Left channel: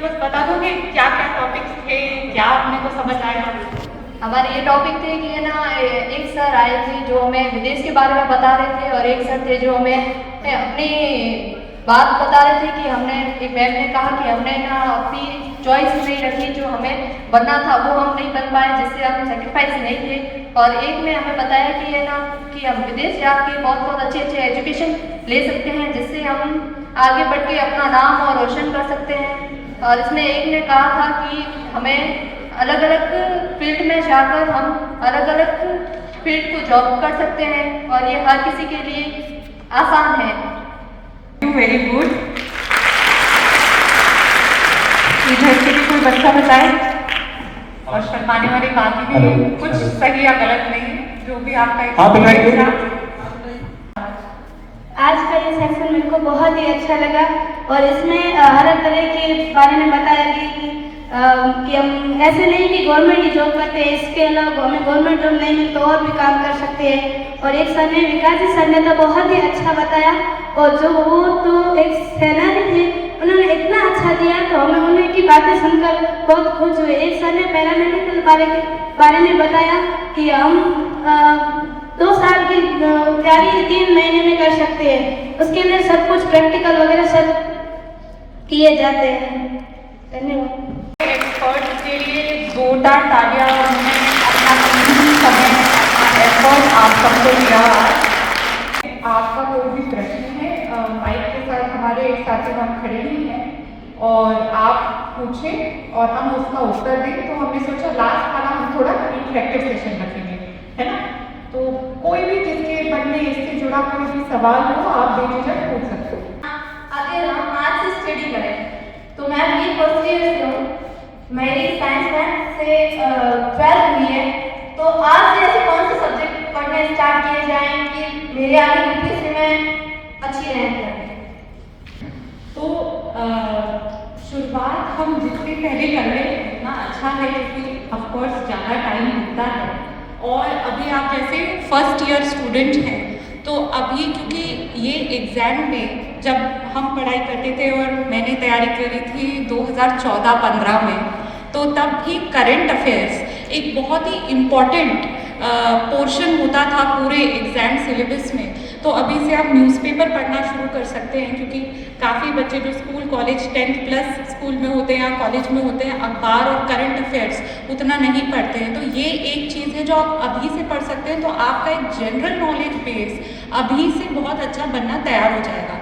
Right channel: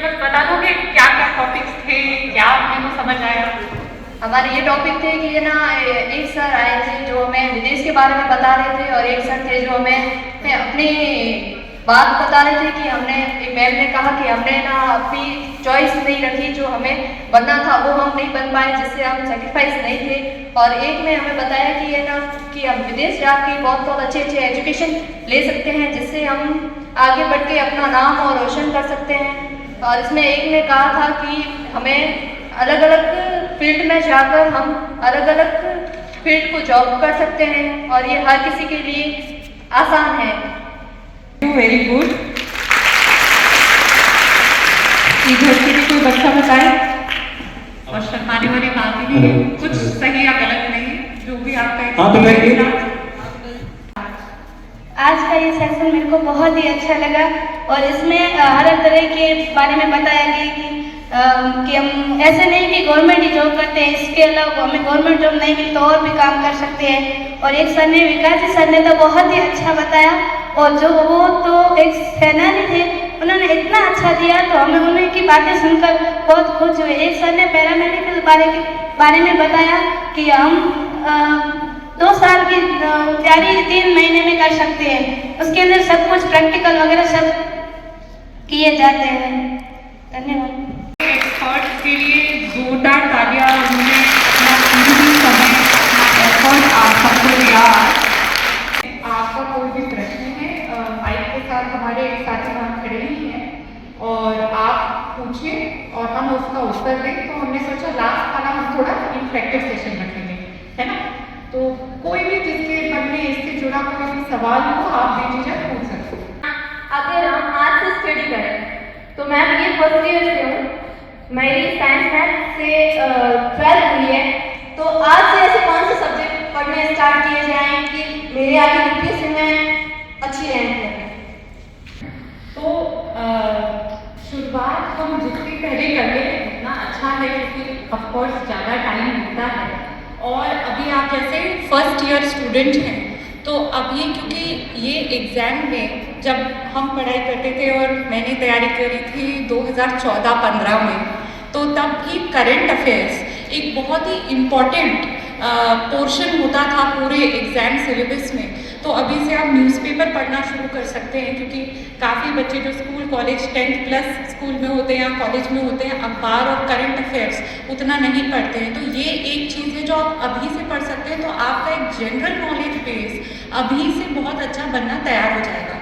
में बस बता दोगे क्या क्या टॉपिक्स थे, क्या अपने को समझ आया? हमारे ये टॉपिक थे कि ये ना एक सर आए थे जो हमें विदेश के बारे में बता रहे थे, और एक सर थे जो हमें अपनी बात बता रहे थे कि हमने, एक मैम ने कहा कि हमने ना अपनी चॉइस नहीं रखी, जो हमें बनना था वो हम नहीं बन पाए, जिससे हम सेटिस्फाइज नहीं थे। और एक ने हमें बताया कि ये ना कि हम विदेश जाके बहुत बहुत अच्छे अच्छे एजुकेशन ले सकते हैं, जिससे हम आगे बढ़ के अपना नाम और रोशन कर सकते हैं। और इसमें एक ने कहा था कि हमें अलग अलग फील्ड में जाकर हम अलग अलग फील्ड को जॉब कर सकते हैं, और ये हर किसी के लिए आसान है। Very good. इधर से भी कोई बच्चा बताए, और शर्माने वाली बात ही नहीं है, कुछ सही या गलत नहीं है, जो भी आपका आज का ये सेशन मेरे को बहुत ही अच्छा लगा, और इसमें हर तरह के बारे में बताया गया कि हम ऐसे नहीं कि गवर्नमेंट ही जॉब करते हैं, इसके अलावा हमें गवर्नमेंट जॉब नहीं मिली तो और भी काम कर सकते हैं। और एक सर ने, विकास जी सर ने तो बहुत ही अच्छा बताया, और जो वो तो एक सेनानी थे, उन्होंने इतना अच्छा दिया तो हमें उनकी बातें सुनकर बहुत खुश हुए। एक सर ने पैरामेडिकल बारे में बताया कि हम 2 साल की तैयारी 3 महीने में कर सकते हैं, उसके अंदर सब कुछ प्रैक्टिकल वगैरह सब किए जाते हैं। धन्यवाद। एक्सपर्ट्स के लिए जोरदार तालियां। उन्होंने अपना कीमती समय, अपना एफर्ट आप सबको दिया। आपका कोई भी प्रश्न है, माइक के साथ हमारे साथी वहाँ खड़े ही हैं, और आप पूछें और हम उसका उत्तर दें। तो हमने सोचा लास्ट वाला हम थोड़ा इंटरेक्टिव सेशन रखेंगे, है ना? तो कोई भी जिसके मन में इससे जुड़ा कोई भी सवाल हो, आप बेझिझक पूछ सकते हो। अगर हम आज से स्टडी करें तो मैम ये फर्स्ट ईयर से हूँ, मेरी साइंस मैथ से 12th हुई है, तो आज से ऐसे कौन से सब्जेक्ट पढ़ने स्टार्ट किए जाएं कि मेरे आगे यूपीएससी में अच्छी रैंक लगे? तो शुरुआत हम जितनी पहले कर लें उतना अच्छा है, क्योंकि ऑफकोर्स ज़्यादा टाइम मिलता है। और अभी आप जैसे फर्स्ट ईयर स्टूडेंट हैं, तो अभी क्योंकि ये एग्ज़ाम में जब हम पढ़ाई करते थे, और मैंने तैयारी करी थी 2014-15 में, तो तब भी करंट अफेयर्स एक बहुत ही इम्पॉर्टेंट पोर्शन होता था पूरे एग्ज़ाम सिलेबस में। तो अभी से आप न्यूज़पेपर पढ़ना शुरू कर सकते हैं, क्योंकि काफ़ी बच्चे जो school college 10th plus school में होते हैं या कॉलेज में होते हैं, अखबार और करंट अफेयर्स उतना नहीं पढ़ते हैं। तो ये एक चीज़ है जो आप अभी से पढ़ सकते हैं, तो आपका एक जनरल नॉलेज बेस अभी से बहुत अच्छा बनना तैयार हो जाएगा।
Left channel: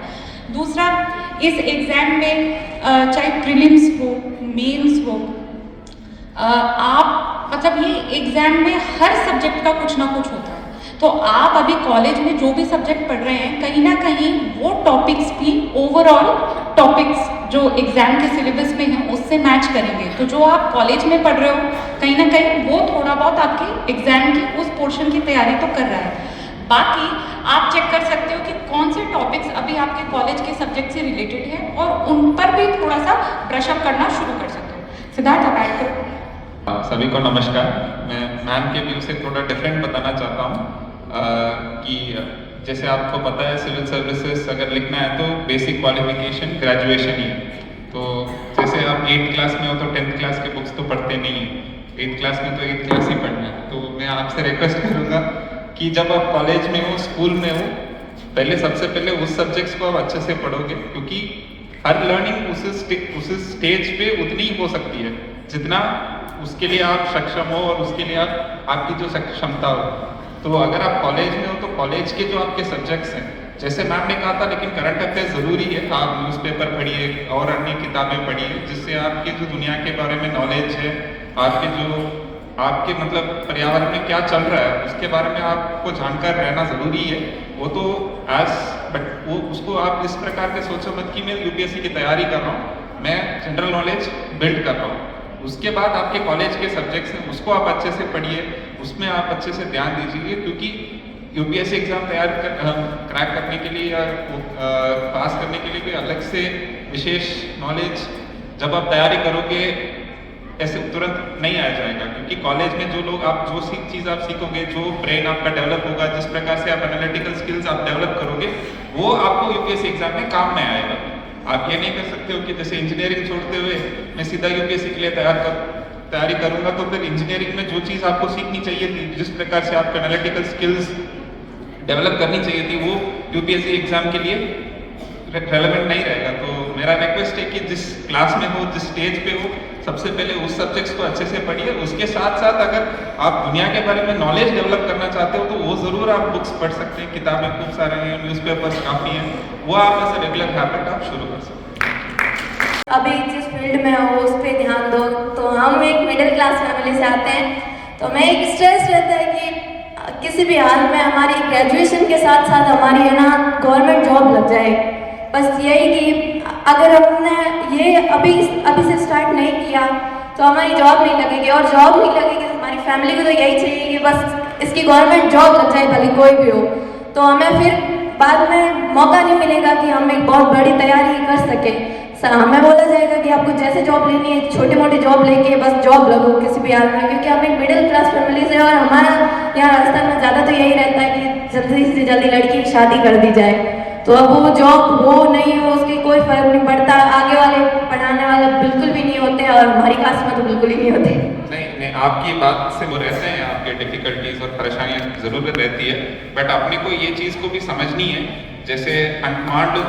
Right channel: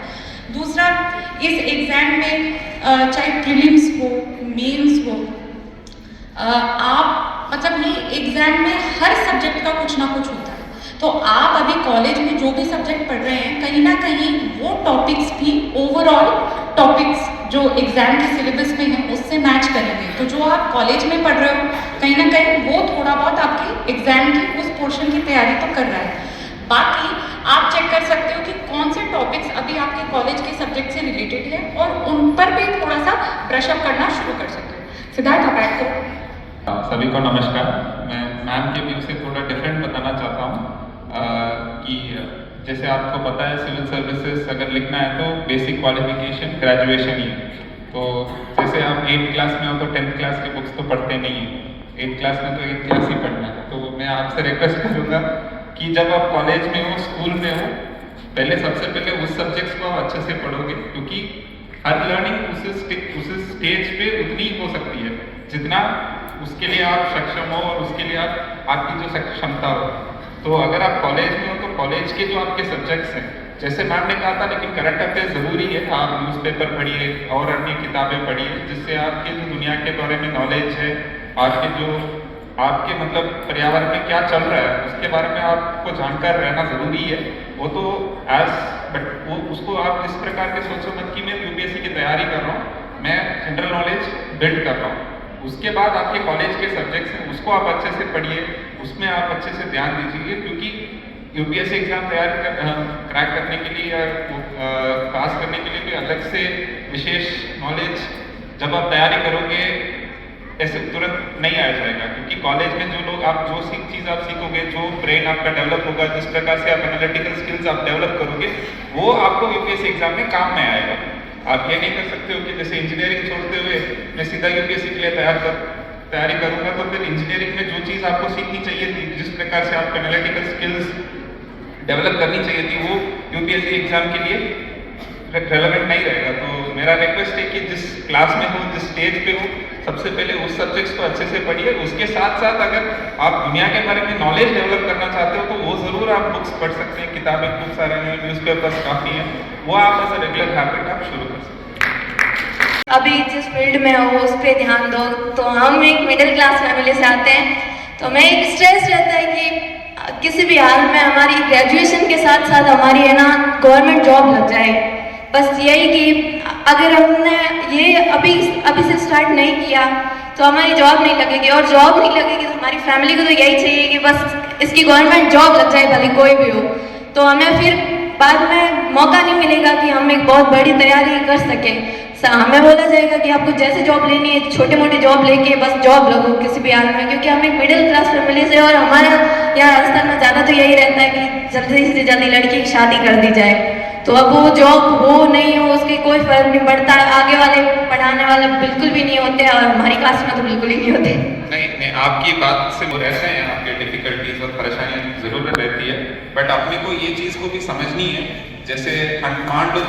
दूसरा, इस एग्ज़ाम में चाहे प्रीलिम्स हो, मेंस हो, आप मतलब ये एग्ज़ाम में हर सब्जेक्ट का कुछ ना कुछ होता है। तो आप अभी कॉलेज में जो भी सब्जेक्ट पढ़ रहे हैं, कहीं ना कहीं वो टॉपिक्स भी ओवरऑल टॉपिक्स जो एग्ज़ाम के सिलेबस में हैं उससे मैच करेंगे। तो जो आप कॉलेज में पढ़ रहे हो, कहीं ना कहीं वो थोड़ा बहुत आपके एग्ज़ाम की उस पोर्शन की तैयारी तो कर रहा है। बाकी आप चेक कर सकते हो कि कौन से टॉपिक्स अभी आपके कॉलेज के सब्जेक्ट से रिलेटेड है, और उन पर भी थोड़ा सा ब्रशअप करना शुरू कर सकते हो। सिद्धार्थ, आप ऐड करो। सभी को नमस्कार। मैं मैम के व्यू से थोड़ा डिफरेंट बताना चाहता हूँ कि जैसे आपको पता है सिविल सर्विसेज अगर लिखना है तो बेसिक क्वालिफिकेशन ग्रेजुएशन ही। तो जैसे आप 8th क्लास में हो तो 10th क्लास की बुक्स तो पढ़ते नहीं हैं, 8th क्लास में तो 8th क्लास ही पढ़ना है। तो मैं आपसे रिक्वेस्ट करूँगा कि जब आप कॉलेज में हो, स्कूल में हो, पहले सबसे पहले उस सब्जेक्ट्स को आप अच्छे से पढ़ोगे, क्योंकि हर लर्निंग उस स्टेज पे उतनी हो सकती है जितना उसके लिए आप सक्षम हो और उसके लिए आपकी जो क्षमता हो। तो अगर आप कॉलेज में हो तो कॉलेज के जो आपके सब्जेक्ट्स हैं, जैसे मैम ने कहा था, लेकिन करंट अफेयर ज़रूरी है। आप न्यूज़पेपर पढ़िए और अन्य किताबें पढ़िए, जिससे आपकी जो दुनिया के बारे में नॉलेज है, आपके मतलब पर्यावरण में क्या चल रहा है उसके बारे में आपको जानकार रहना ज़रूरी है। वो तो बट वो उसको आप इस प्रकार के सोचो मत कि मैं यूपीएससी की तैयारी कर रहा हूँ, मैं जनरल नॉलेज बिल्ड कर रहा हूँ। उसके बाद आपके कॉलेज के सब्जेक्ट्स हैं, उसको आप अच्छे से पढ़िए, उसमें आप अच्छे से ध्यान दीजिए, क्योंकि यूपीएससी एग्जाम क्रैक करने के लिए या पास करने के लिए कोई अलग से विशेष नॉलेज जब आप तैयारी करोगे ऐसे तुरंत नहीं आ जाएगा। क्योंकि कॉलेज में जो चीज़ आप सीखोगे, जो ब्रेन आपका डेवलप होगा, जिस प्रकार से आप एनालिटिकल स्किल्स आप डेवलप करोगे, वो आपको यूपीएससी एग्जाम में काम में आएगा। आप ये नहीं कर सकते हो कि जैसे इंजीनियरिंग छोड़ते हुए मैं सीधा यूपीएससी के लिए तैयारी करूंगा, तो फिर इंजीनियरिंग में जो चीज़ आपको सीखनी चाहिए थी, जिस प्रकार से आपको एनालिटिकल स्किल्स डेवलप करनी चाहिए थी, वो यूपीएससी एग्जाम के लिए फिर रेलेवेंट नहीं रहेगा। तो मेरा रिक्वेस्ट है कि जिस क्लास में हो, जिस स्टेज पे हो, सबसे पहले उस सब्जेक्ट्स को अच्छे से पढ़िए। उसके साथ साथ अगर आप दुनिया के बारे में नॉलेज डेवलप करना चाहते हो तो वो ज़रूर आप बुक्स पढ़ सकते हैं, किताबें बुक्स आ रही हैं, न्यूज़पेपर्स काफ़ी हैं, वो आप ऐसे रेगुलर हैबिट आप शुरू कर सकते हैं। अभी जिस फील्ड में हो उस पर ध्यान दो। तो हम एक मिडिल क्लास फैमिली से आते हैं, तो मैं एक स्ट्रेस रहता है कि किसी भी हाल में हमारी ग्रेजुएशन के साथ साथ हमारी है ना गवर्नमेंट जॉब लग जाए। बस यही कि अगर हमने ये अभी से स्टार्ट नहीं किया तो हमारी जॉब नहीं लगेगी, और जॉब नहीं लगेगी तो हमारी फैमिली को तो यही चाहिए कि बस इसकी गवर्नमेंट जॉब लग जाए, भले कोई भी हो। तो हमें फिर बाद में मौका नहीं मिलेगा कि हम एक बहुत बड़ी तैयारी कर सकें। हमें बोला जाएगा कि आपको जैसे जॉब लेनी है छोटी मोटी जॉब लेके बस जॉब लगो किसी भी हाल में, क्योंकि हम एक मिडिल क्लास फैमिली से, और हमारा यहाँ राजस्थान में ज़्यादा तो यही रहता है कि जल्दी से जल्दी लड़की की शादी कर दी जाए। तो अब वो जॉब हो नहीं हो उसके कोई फर्क नहीं पड़ता, आगे वाले पढ़ाने वाले बिल्कुल भी नहीं होते, और हमारी क्लास में तो बिल्कुल ही नहीं होते। नहीं, आपकी बात से वो रहते हैं, आपके डिफिकल्टीज और परेशानी जरूर रहती है, बट अपने को ये चीज़ को भी समझनी है। जैसे मान लो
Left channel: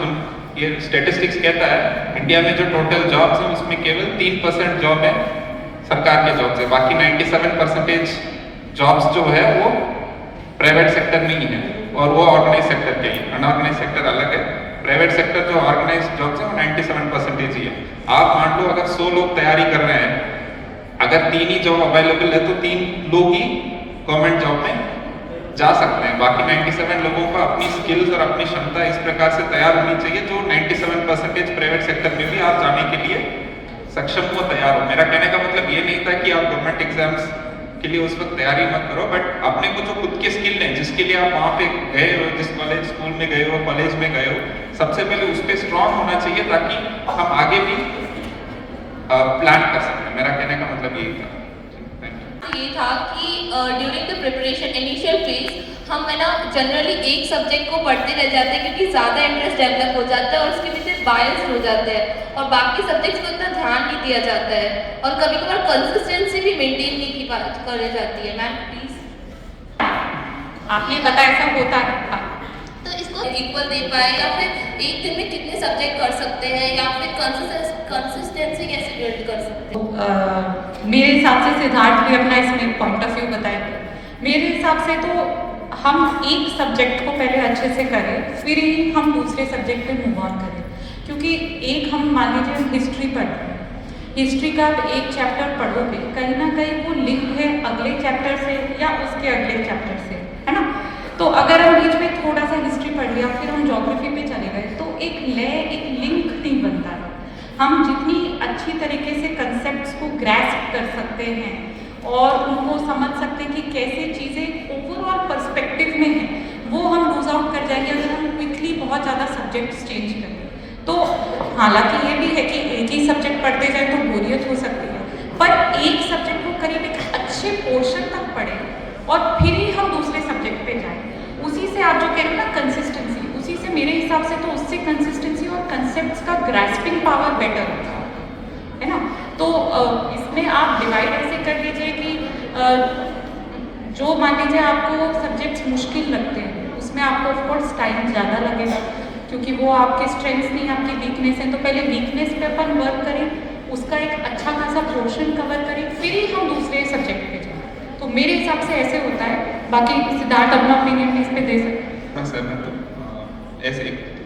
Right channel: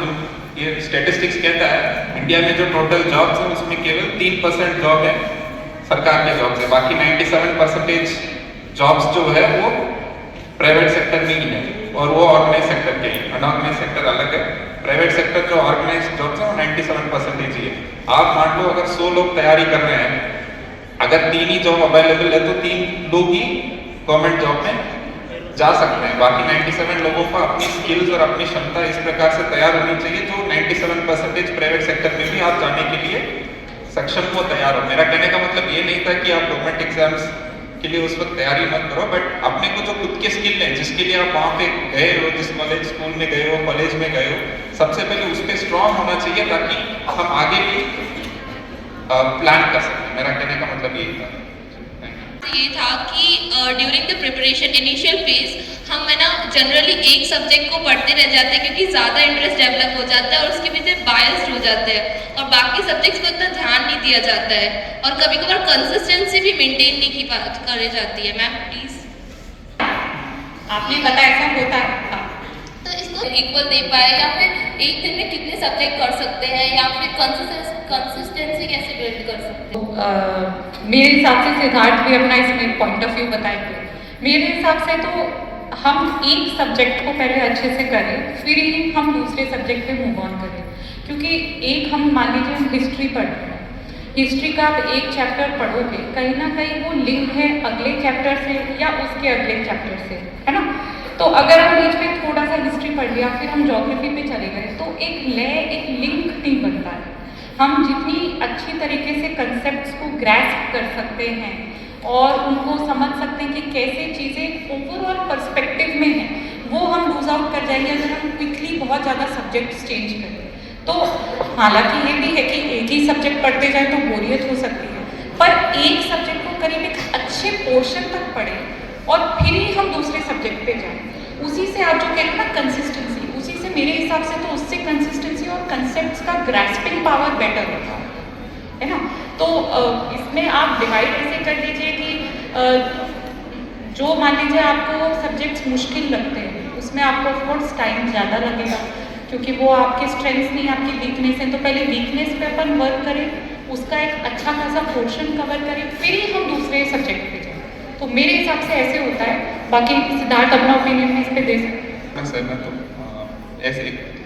ये स्टेटिस्टिक्स कहता है इंडिया में जो टोटल जॉब्स हैं उसमें केवल 3% जॉब है सरकार के जॉब से, बाकी 97% जॉब्स जो है वो प्राइवेट सेक्टर नहीं है, और वो ऑर्गेनाइज सेक्टर के हैं। अनऑर्गेनाइज सेक्टर अलग है, प्राइवेट सेक्टर जो ऑर्गेनाइज जॉब्स है 97% ही है। आप मान लो अगर 100 लोग तैयारी कर रहे हैं, अगर 3 ही जॉब अवेलेबल है तो 3 लोग ही गवर्नमेंट जॉब में जा सकते हैं, बाकी 97 लोगों को अपनी स्किल्स और अपनी क्षमता इस प्रकार से तैयार होनी चाहिए जो 97% प्राइवेट सेक्टर में भी आप जाने के लिए सक्षम हो, तैयार हो। मेरा कहने का मतलब ये नहीं था कि आप गवर्नमेंट एग्जाम्स के लिए उस वक्त तैयारी मत करो, बट अपने को जो खुद के स्किल है जिसके लिए आप वहाँ पे गए हो, जिस कॉलेज स्कूल में गए हो, कॉलेज में गए हो, सबसे पहले उस पर स्ट्रॉन्ग होना चाहिए ताकि हम आगे भी प्लान कर सकते हैं। मेरा कहने का मतलब यही था। ये था कि during the preparation initial phase हम है ना जनरली एक सब्जेक्ट को पढ़ते रह जाते हैं क्योंकि ज़्यादा इंटरेस्ट डेवलप हो जाता है और उसके पीछे बायस्ड हो जाते हैं और बाकी सब्जेक्ट्स को इतना ध्यान नहीं दिया जाता है और कभी कभार कंसिस्टेंसी भी मेंटेन नहीं करी जाती है। मैम प्लीज़ आपने बताया ऐसा होता है तो इसको इक्वल दे पाए या फिर एक दिन में कितने सब्जेक्ट कर सकते हैं या फिर कंसिस्टेंसी कैसे बिल्ड कर सकते हैं? मेरे हिसाब से सिद्धार्थ भी अपना इसमें पॉइंट ऑफ व्यू बताएंगे। मेरे हिसाब से तो हम एक सब्जेक्ट को पहले अच्छे से करें, फिर ही हम दूसरे सब्जेक्ट पे मूव ऑन करें, क्योंकि एक हम मान लीजिए हम हिस्ट्री पढ़ रहे हैं, हिस्ट्री का आप एक चैप्टर पढ़ोगे कहीं ना कहीं वो लिंक है अगले चैप्टर से या उसके अगले चैप्टर से, है ना। तो अगर हम बीच में थोड़ा सा हिस्ट्री पढ़ लिया फिर हम ज्योग्राफी पे चले गए तो एक लिंक नहीं बनता है। हम जितनी अच्छी तरीके से कंसेप्ट्स को ग्रैस्प कर सकते हैं और उनको समझ सकते हैं कि कैसे चीज़ें ओवरऑल पर्सपेक्टिव में हैं, वो हम लूज आउट कर जाएंगे अगर हम क्विकली बहुत ज़्यादा सब्जेक्ट्स चेंज करें। तो हालांकि ये भी है कि एक ही सब्जेक्ट पढ़ते जाए तो बोरियत हो सकती है, पर एक सब्जेक्ट को करीब एक अच्छे पोर्शन तक पढ़ें और फिर ही हम दूसरे सब्जेक्ट पे जाएं। उसी से आप जो कह रहे हैं ना कंसिस्टेंसी, उसी से मेरे हिसाब से तो उससे कंसिस्टेंसी और कंसेप्ट्स का ग्रास्पिंग पावर बेटर होगा, है ना। तो इसमें आप डिवाइड ऐसे कर दीजिए कि जो मान लीजिए आपको सब्जेक्ट्स मुश्किल लगते हैं उसमें आपको ऑफकोर्स टाइम ज़्यादा लगेगा क्योंकि वो आपके स्ट्रेंथ्स नहीं आपकी वीकनेस है। तो पहले वीकनेस पे अपन वर्क करें, उसका एक अच्छा खासा पोर्शन कवर करें, फिर ही हम दूसरे सब्जेक्ट पे जाएं। तो मेरे हिसाब से ऐसे होता है। बाकी सिद्धार्थ अपना ओपिनियन इस पे दे सकते हैं ऐसे,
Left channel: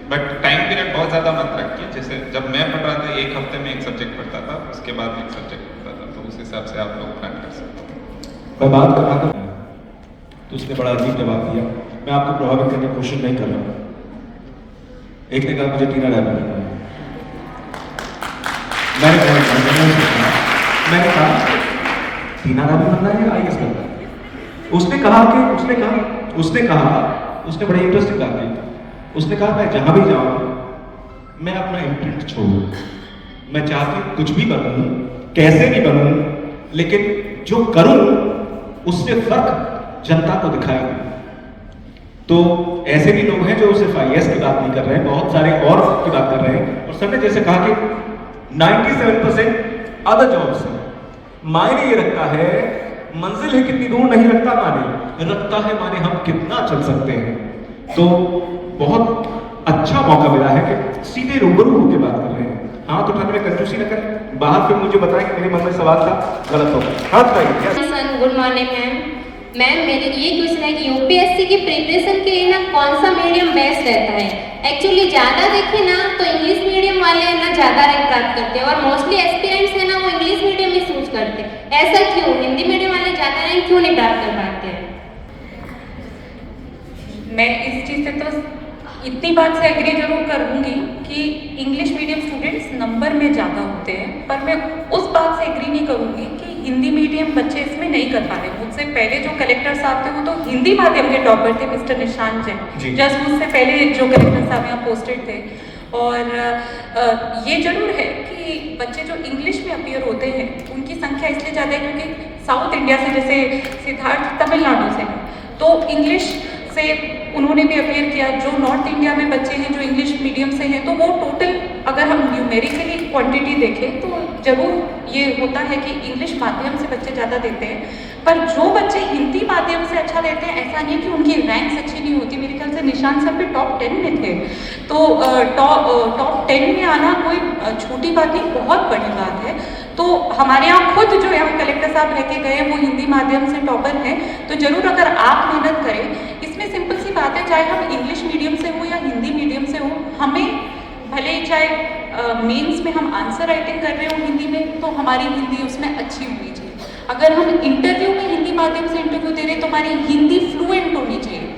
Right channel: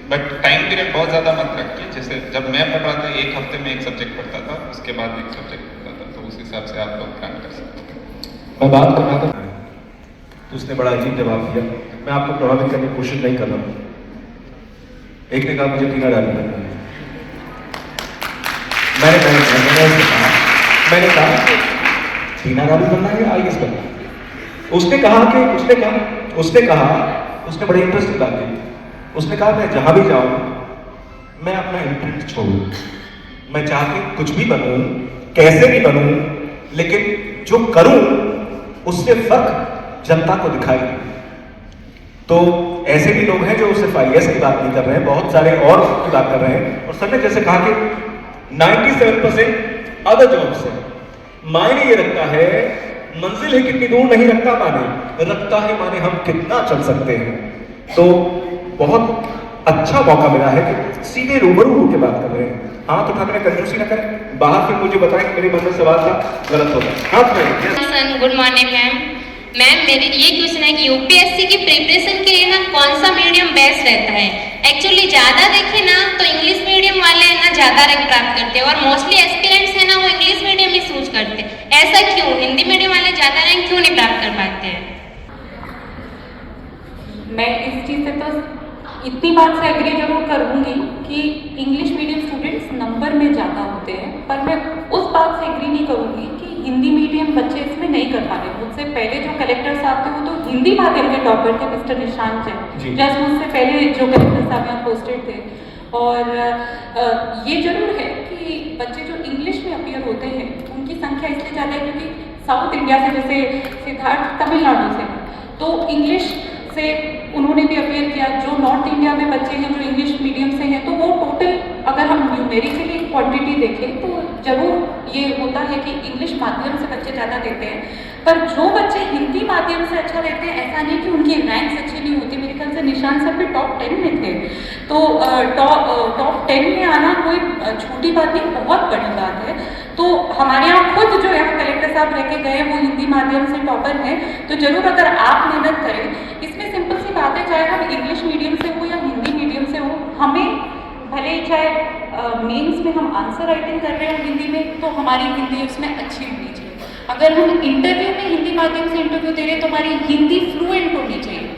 बट टाइम पीरियड बहुत ज़्यादा मत रखिए। जैसे जब मैं पढ़ रहा था एक हफ्ते में एक सब्जेक्ट पढ़ता था, उसके बाद एक सब्जेक्ट पढ़ता था, तो उस हिसाब से आप लोग प्लान कर सकते हैं। मैं बात कर रहा था तो उसने बड़ा अजीब जवाब दिया। मैं आपको प्रभावित करने की कोशिश नहीं कर रहा हूँ। एक ने कहा मुझे टीना डालना है, मैंने कहा टीना डाली बनना है आईएएस बनना है। उसने उसने बड़े इंटरेस्टिंग बात की। उसने कहा मैं जहां भी जाऊं मैं अपना इम्प्रिंट छोड़ूं, मैं चाहती कुछ भी बनूं, कैसे भी बनूं, लेकिन जो करूं उससे फर्क जनता को दिखाई दे। तो ऐसे भी लोग हैं जो सिर्फ आईएएस की बात नहीं कर रहे हैं, बहुत सारे और की बात कर रहे हैं और सर ने जैसे कहा कि 97% अदर जॉब्स है, मायने ये रखता है, मंजिल है कितनी दूर नहीं रखता माने, रखता है माने हम कितना चल सकते हैं। तो बहुत अच्छा मौका मिला है कि सीधे रूबरू होकर बात कर रहे हैं। हाथ उठाने में कंजूसी न करें, बाहर फिर मुझे बताएं कि मेरे मन में सवाल था, गलत होगा। हाथ उठाइए। Good morning ma'am. मैम मेरे ये क्वेश्चन है कि यूपीएससी की प्रिपरेशन के लिए ना कौन सा मीडियम बेस्ट रहता है? एक्चुअली ज़्यादा देखें ना तो इंग्लिश मीडियम वाले ना ज़्यादा रैंक प्राप्त करते हैं और मोस्टली एस्पिरेंट्स हैं ना वो इंग्लिश मीडियम ही चूज करते हैं। ऐसा क्यों? हिंदी मीडियम वाले ज़्यादा रैंक क्यों नहीं प्राप्त कर पाते हैं? मैं इस चीज़ से तो इतनी बात से एग्री जरूर करूँगी कि इंग्लिश मीडियम स्टूडेंट्स नंबर में ज़्यादा होते हैं, पर मैं उस बात से एग्री नहीं करूँगी कि हिंदी मीडियम बच्चे इसमें नहीं कर पा रहे। मुझसे पहले जो कलेक्टर साहब थे वो तो हिंदी माध्यम के टॉपर थे, मिस्टर निशांत जी, जस्ट मुझसे पहले जो कलेक्टर साहब यहाँ पोस्टेड थे। और ये जरूर है कि बच्चे जो इंग्लिश में अपीयर होते हैं उनकी संख्या इसलिए ज़्यादा है क्योंकि साउथ इंडिया से, जैसे सिद्धार्थ तमिलनाडु से, तो इंग्लिश से उन्होंने भी अपीयर किया। जो नॉर्थ इंडिया में बच्चे हैं जो इंग्लिश मीडियम से हैं, तो वो टोटल अगर हम न्यूमेरिकली क्वांटिटी देखें तो जरूर ये होता है कि इंग्लिश माध्यम से बच्चे ज़्यादा देते हैं। पर जो बच्चे हिंदी माध्यम से अच्छा देते हैं, ऐसा नहीं कि उनकी रैंक्स अच्छी नहीं होती। मेरे ख्याल से निशान सर भी टॉप 10 में थे, तो टॉप 10 में आना कोई छोटी बात नहीं, बहुत बड़ी बात है। तो हमारे यहाँ खुद जो यहाँ कलेक्टर साहब लेके गए वो हिंदी माध्यम से टॉपर हैं, तो जरूर अगर आप मेहनत करें, इसमें सिंपल सी बात है, चाहे हम इंग्लिश मीडियम से हो या हिंदी मीडियम से हो, हमें भले ही चाहे मेंस में हम आंसर राइटिंग कर रहे हो हिंदी में, तो हमारी हिंदी उसमें अच्छी होनी चाहिए। अगर हम इंटरव्यू में हिंदी माध्यम से इंटरव्यू दे रहे हैं तो हमारी हिंदी फ्लुएंट होनी चाहिए।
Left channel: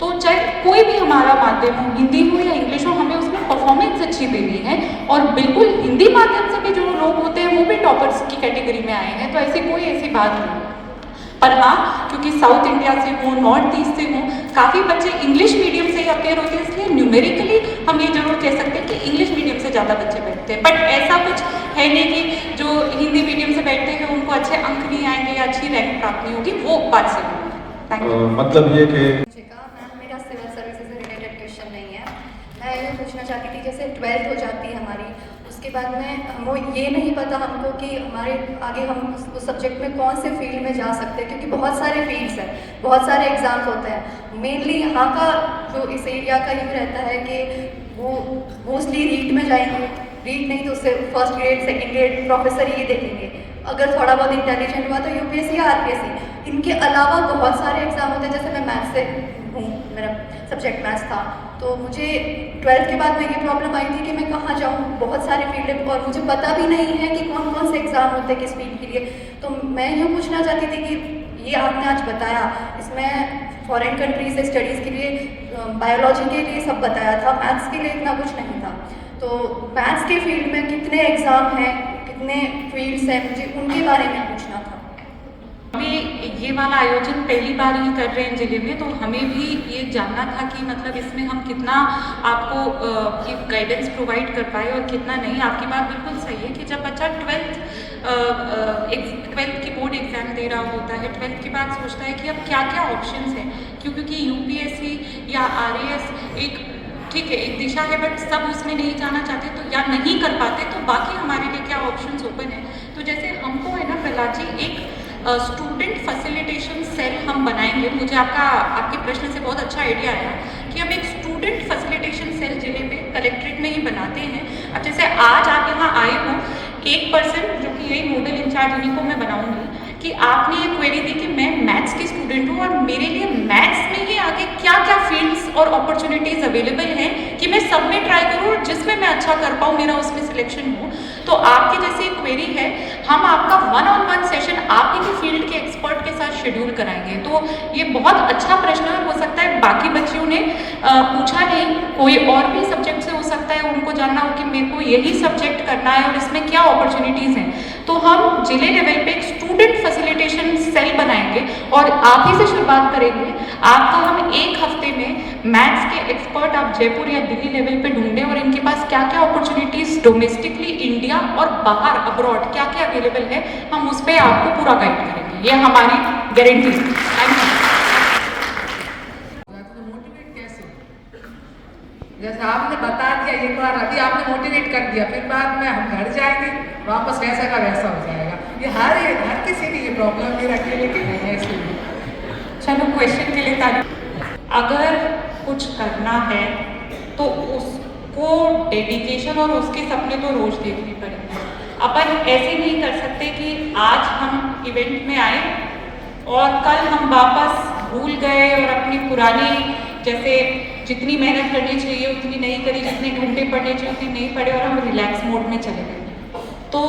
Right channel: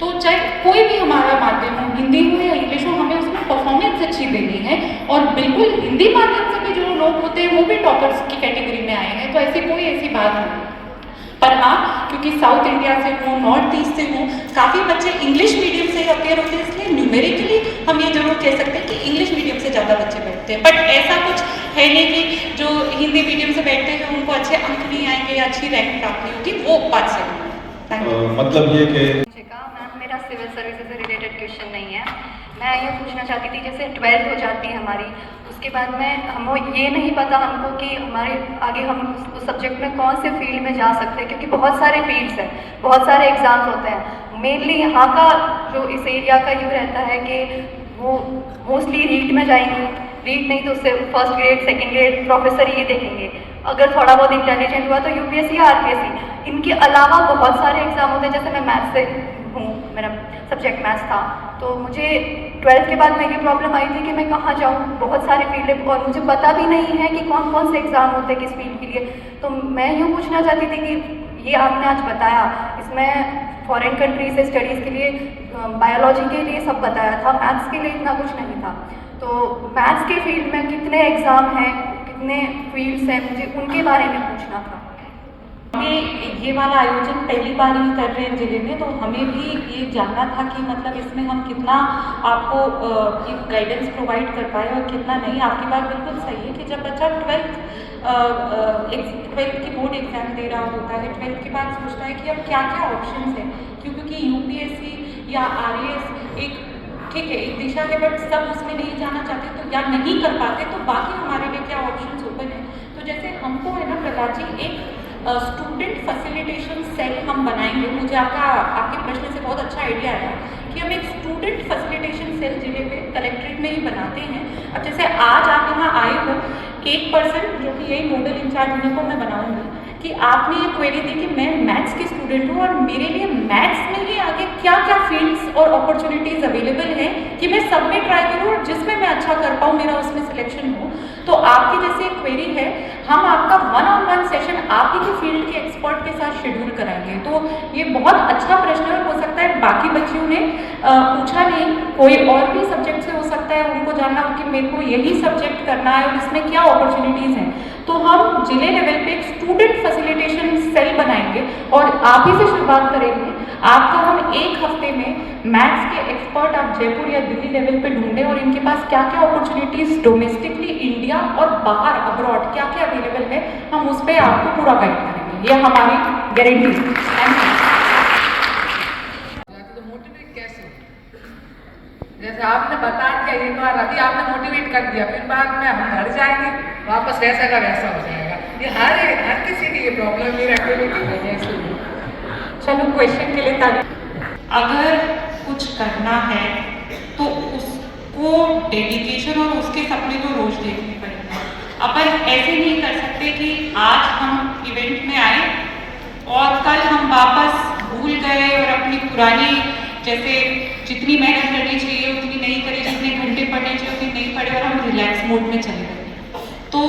तो चाहे कोई भी हमारा माध्यम हो, हिंदी हो या इंग्लिश हो, हमें उसमें परफॉर्मेंस अच्छी देनी है। और बिल्कुल हिंदी माध्यम से भी जो लोग होते हैं वो भी टॉपर्स की कैटेगरी में आए हैं, तो ऐसी कोई ऐसी बात नहीं। पर हाँ, क्योंकि साउथ इंडिया से हो, नॉर्थ ईस्ट से हो, काफ़ी बच्चे इंग्लिश मीडियम से ही अपेयर होते हैं, इसलिए न्यूमेरिकली हम ये जरूर कह सकते हैं कि इंग्लिश मीडियम से ज़्यादा बच्चे बैठते हैं। बट ऐसा कुछ है नहीं कि जो हिंदी मीडियम से बैठते हैं उनको अच्छे अंक नहीं आएंगे या अच्छी रैंक प्राप्त नहीं होगी, वो बात सही है। मतलब ये कि मेरा सिविल सर्विसेज से रिलेटेड क्वेश्चन नहीं है। मैं ये पूछना चाहती थी, जैसे 12th हो जाती है हमारी, उसके बाद में हमें ये नहीं पता हमको कि हमारे आगे हम उस सब्जेक्ट में कौन से फील्ड में जा सकते हैं, क्योंकि बहुत सारे फील्ड्स हैं, बहुत सारे एग्ज़ाम्स होते हैं। मेनली यहाँ का जो इस एरिया का यूँ रहता है कि वो मोस्टली रीट में जाएंगे, रीट नहीं तो उससे first grade, second grade, professor ये देखेंगे। अगर थोड़ा बहुत इंटेलिजेंट हुआ तो यूपीएससी या आरपीएससी। इनके अलावा बहुत सारे एग्ज़ाम होते हैं, जैसे मैं मैथ्स से हूँ, मेरा सब्जेक्ट मैथ्स था, तो मुझे 12th के बाद में ये प्रॉब्लम आई थी कि मैं कहाँ जाऊँ, बहुत सारे फील्ड है और मुझे पता भी नहीं है कि कौन कौन से एग्ज़ाम होते हैं किस फील्ड के लिए। तो मैं यूँ पूछना चाहती थी कि ये आपने आज बताया, इसमें फॉरेन कंट्री से स्टडीज़ के लिए, बायोलॉजी के लिए सब बताया था, मैथ्स के लिए इतना कुछ नहीं था। तो मैथ्स के फील्ड में कितने एग्ज़ाम हैं, कितने फील्ड्स हैं, मुझे उनके बारे में पूछना था। ये वाला आयोजन पहली बार ही कर रहे हैं जिले में, तो हमें भी ये जानना था कि मतलब इसमें हम कितना आपको गाइडेंस प्रोवाइड कर पाए और कितना नहीं। आपकी बात बिल्कुल सही है कि जब बच्चा 12th की बोर्ड एग्जाम दे रहा होता है, 12th के बाद सोचता है कि अब क्या क्या ऑप्शंस हैं, क्योंकि यूपीएससी या आरएएस एक ठीक है एक दिशा है, बट सब उसमें नहीं जाना चाहते तो या नहीं कर पाते, तो बाकी हमारे लिए क्या ऑप्शंस ओपन है। तो जैसे हमको है ना प्रहलाद जी, एक स्टूडेंट फैसिलिटेशन सेल हम बनाएंगे। मुझे आपके प्रश्न से बहुत अच्छा आइडिया आया कि हम एक स्टूडेंट फैसिलिटेशन सेल जिले पे कलेक्ट्रेट में ही बनाते हैं। अब जैसे आज आप यहाँ आए हो, एक पर्सन जो कि यही नोडल इंचार्ज इन्हीं को मैं बनाऊंगी कि आपने ये क्वेरी दी कि मैं मैथ्स की स्टूडेंट हूँ और मेरे लिए मैथ्स में ही आगे क्या क्या फील्ड्स और अपॉर्चुनिटीज़ अवेलेबल हैं कि मैं सब में ट्राई करूँ और जिसमें मैं अच्छा कर पाऊँ, मेरा उसमें सिलेक्शन हो। तो आपकी जैसे एक क्वेरी है, हम आपका 1-on-1 सेशन आप ही के फील्ड के एक्सपर्ट के साथ शेड्यूल कराएंगे। तो ये बहुत अच्छा प्रश्न है और हो सकता है बाकी बच्चियों ने पूछा नहीं, कोई और भी सब्जेक्ट से हो सकता है उनको जानना हो कि मेरे को यही सब्जेक्ट करना है और इसमें क्या अपॉर्चुनिटीज़ हैं। तो हम जिले लेवल पे एक स्टूडेंट फैसिलिटेशन सेल बनाएंगे और आप ही से शुरुआत करेंगे। आपको हम एक हफ्ते में मैथ्स के एक्सपर्ट आप जयपुर या दिल्ली लेवल पे ढूंढें और इनके पास क्या क्या अपॉर्चुनिटीज़ डोमेस्टिकली इंडिया और बाहर अब्रॉड क्या क्या अवेलेबल है, हम उस पर आपको पूरा गाइड करेंगे। ये हमारी गारंटी है। Thank you. जैसे आपने बता दिया एक बार, अभी आपने मोटिवेट कर दिया, फिर बाद में हम घर जाएंगे वापस वैसा का वैसा हो जाएगा। ये हर किसी की ये प्रॉब्लम है, एक्टिविटी है इसलिए। चलो क्वेश्चन के लिए तारीफ। अगर कुछ करना है तो उसको डेडिकेशन और उसके सपने तो रोज देखने पड़ेंगे। अपन ऐसे नहीं कर सकते कि आज हम इवेंट में आए और कल हम वापस भूल गए और अपनी पुरानी जैसे जितनी मेहनत करनी चाहिए उतनी नहीं करी, जितने घंटे पढ़ने चाहिए उतनी नहीं पढ़े और हम रिलैक्स मोड में चले गए। तो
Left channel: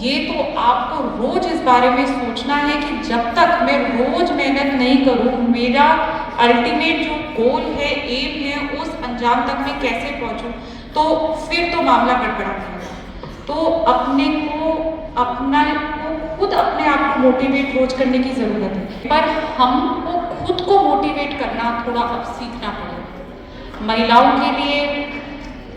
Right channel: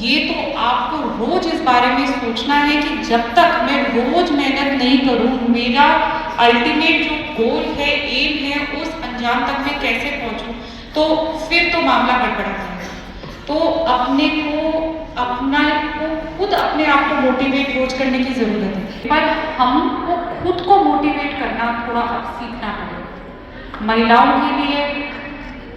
ये तो आपको रोज इस बारे में सोचना है कि जब तक मैं रोज मेहनत नहीं करूं, मेरा अल्टीमेट जो गोल है, एम है, उस अंजाम तक मैं कैसे पहुंचूं, तो फिर तो मामला गड़बड़ा है। तो अपने आप को मोटिवेट रोज करने की जरूरत है, पर हमको खुद को मोटिवेट करना थोड़ा अब सीखना पड़ेगा। महिलाओं के लिए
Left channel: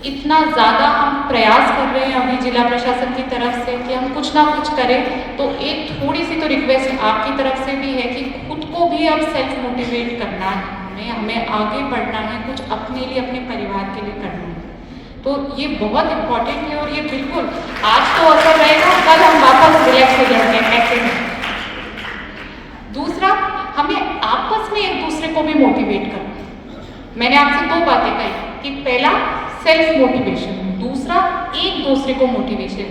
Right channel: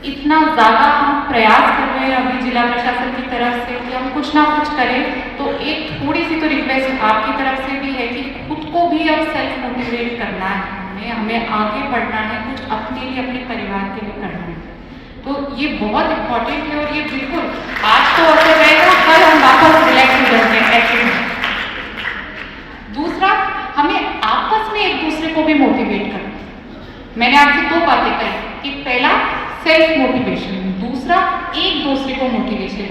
इतना ज़्यादा हम प्रयास कर रहे हैं अभी जिला प्रशासन की तरफ से कि हम कुछ ना कुछ करें, तो एक थोड़ी सी तो रिक्वेस्ट आपकी तरफ से भी है कि खुद को भी अब सेल्फ मोटिवेट करना है, हमें आगे बढ़ना है, कुछ अपने लिए, अपने परिवार के लिए करना है। तो ये बहुत इम्पोर्टेंट है और ये बिल्कुल आज तो अच्छा रहेगा, कल हम वापस रिलैक्स हो जाते हैं। दूसरा, हमें आपस में एक दूसरे को भी मोटिवेट करना है। मैंने आपसे दो बातें कही कि पहला सेल्फ मोटिवेशन, दूसरा एक दूसरे को मोटिवेशन।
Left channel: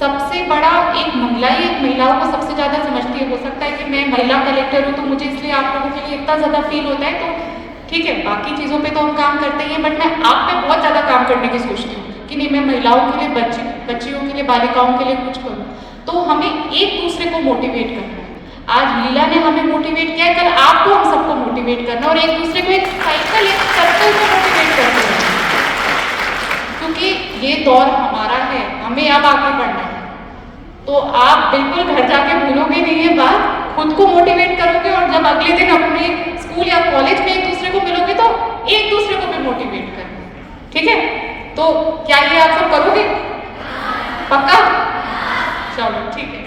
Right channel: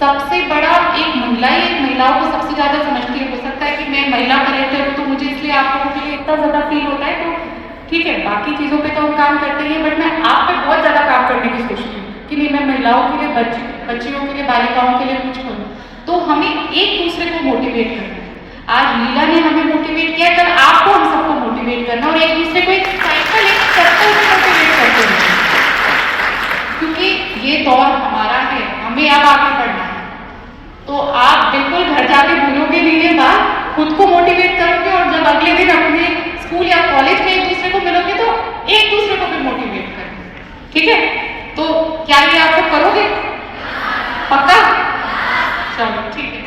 सबसे बड़ा एक महिलाओं को सबसे ज्यादा समझती है। हो सकता है कि मैं महिला कलेक्टर हूँ तो मुझे इसलिए आप लोगों के लिए इतना ज्यादा फील होता है, तो ठीक है, बाकी चीजों पे तो हम काम करते हैं, बट मैं आप पे बहुत ज्यादा काम करने की कोशिश की कि नहीं, मैं महिलाओं के लिए, बच्चियों के लिए, बालिकाओं के लिए कुछ करूँ। तो हमें एक दूसरे को मोटिवेट करना है। आज लीला ने हमें मोटिवेट किया, कल आपको हम सबको मोटिवेट करना और एक दूसरे को एक साइकिल, एक सर्कल में मोटिवेट करते हैं, क्योंकि ये दौर हमारा है, हमें अब आगे बढ़ना है। तो आप बिल्कुल घर जाके भूलोगे नहीं ये बात, खुद को मोटिवेट करोगे और जब अगले दिन अपने स्कूल या कॉलेज में एक दूसरे को मिलोगे तो एक दूसरे को भी मोटिवेट करना, ठीक है? तो क्या ये आप लोग करोगे? पक्का? चलो ठीक है।